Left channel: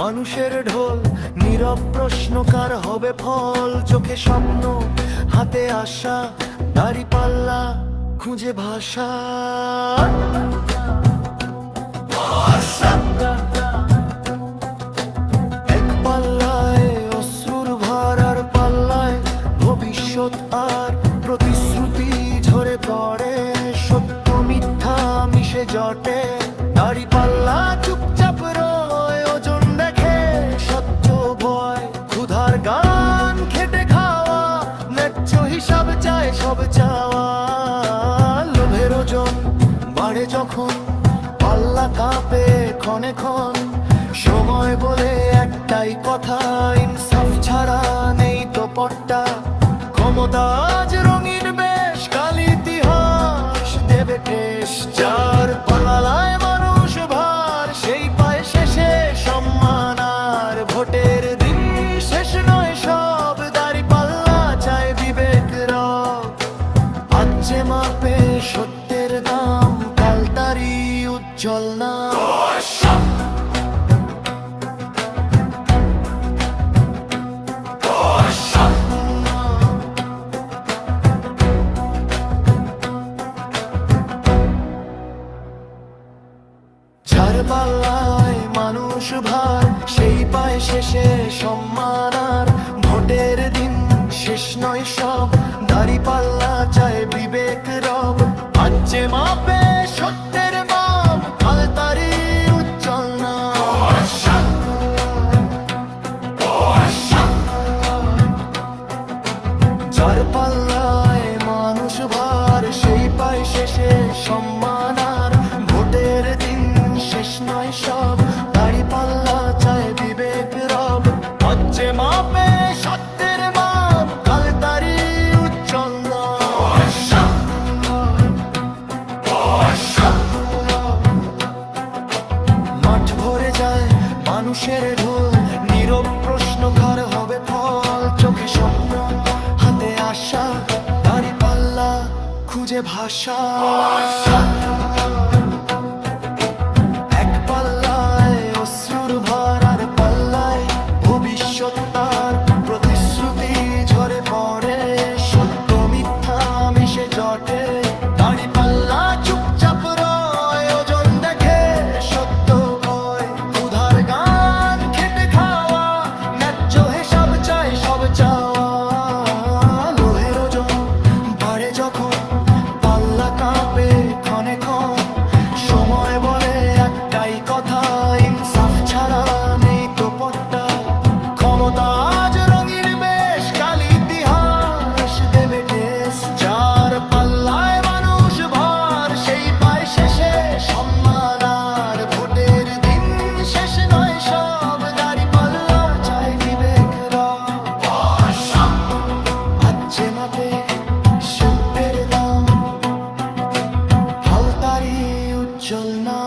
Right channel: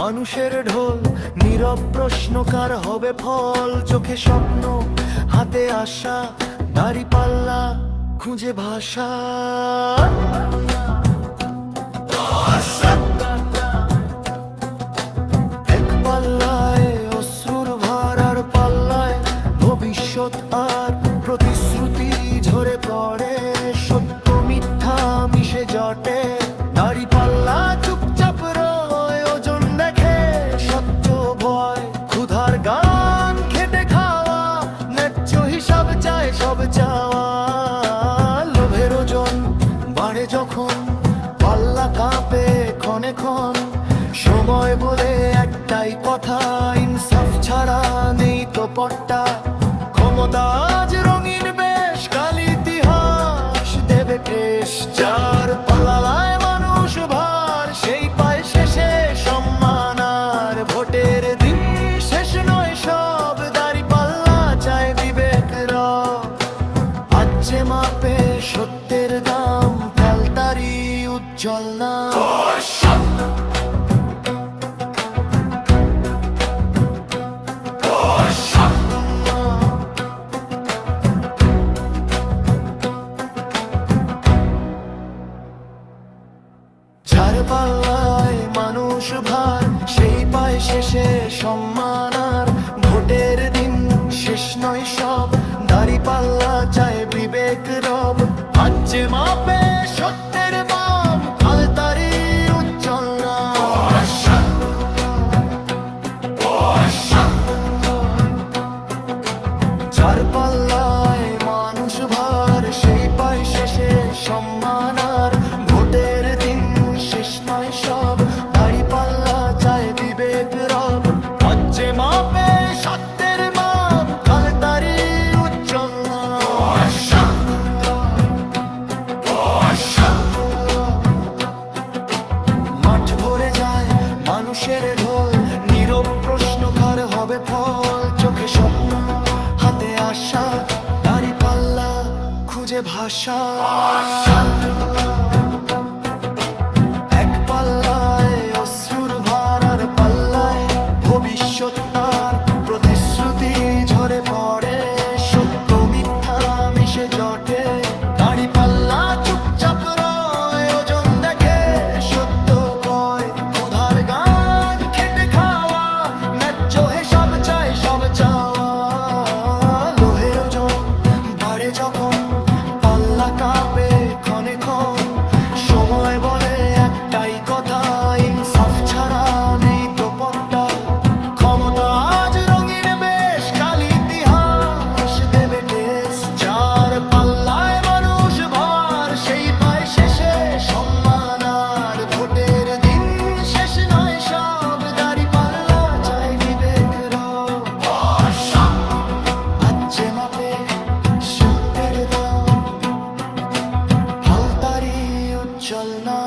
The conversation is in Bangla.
মানুষের ঢোল, নীরব প্রশ্নকার হবে ফল। চোখে স্বপ্ন, হাতে আশা, দাড়ি পাল্লা, খুঁজে ভাষা। এক পাল্লায় আর পাল্লায় ভবিষ্যৎ আর প্রতিশ্রুতি ঝরে পড়ে। সত্য মিথ্যা মিশে জটে, দাড়ি পাল্লা চুপচাপ ভয়, ক্ষুধার গান, খেটে খাওয়া, ন্যায্য হিসাব চায় সব চাওয়া। লোভের ওজন বাড়ে যখন, পাল্লা কাঁপে ক্ষণে ক্ষণ। সময় বলে একটাই কথা, ইনসাফ ছাড়া নেই তো পট্টা। ক্ষমতা আজ রঙিন বেশ যে মাপে সত্যের দাম কাল তারি উজ্জ্বল না পাল্লায় মানুষ ভার, সেই পায় শেষে সম্মান আর। ভোটের দিন শেষ নয় সব, দাড়ি পাল্লা চায় বিবেক রব। আজ মাপে সত্যের মাম কাল তারি উজ্জ্বল না যার পাল্লায় মানুষ ভার, সেই পায় শেষে সম্মান আর। ভোটের দিন শেষ নয় সব, দাড়ি পাল্লা চায় বিবেক রব। হচ্ছে মাপে সত্যের মাম মানুষের ঢোল, নীরব প্রশ্নকার হবে ফল? চোখে স্বপ্ন, হাতে আশা, দাড়ি পাল্লা, খুঁজে ভাষা। এক পাল্লায় অশ্রুর ভার আর পাল্লায় ভবিষ্যৎ তার প্রতিশ্রুতি ঝরে পড়ে। সত্য মিথ্যা মিশে জটে। সব চাওয়া লোহের ওজন বাড়ে যখন, পাল্লা কাঁপে ক্ষণে ক্ষণ সময় বলে একটাই কথা, ইনসাফ ছাড়া নেই তো পট্টা ক্ষমতা আচ্ছে মাপে সত্যের দাম হালতারি উজ্জ্বল না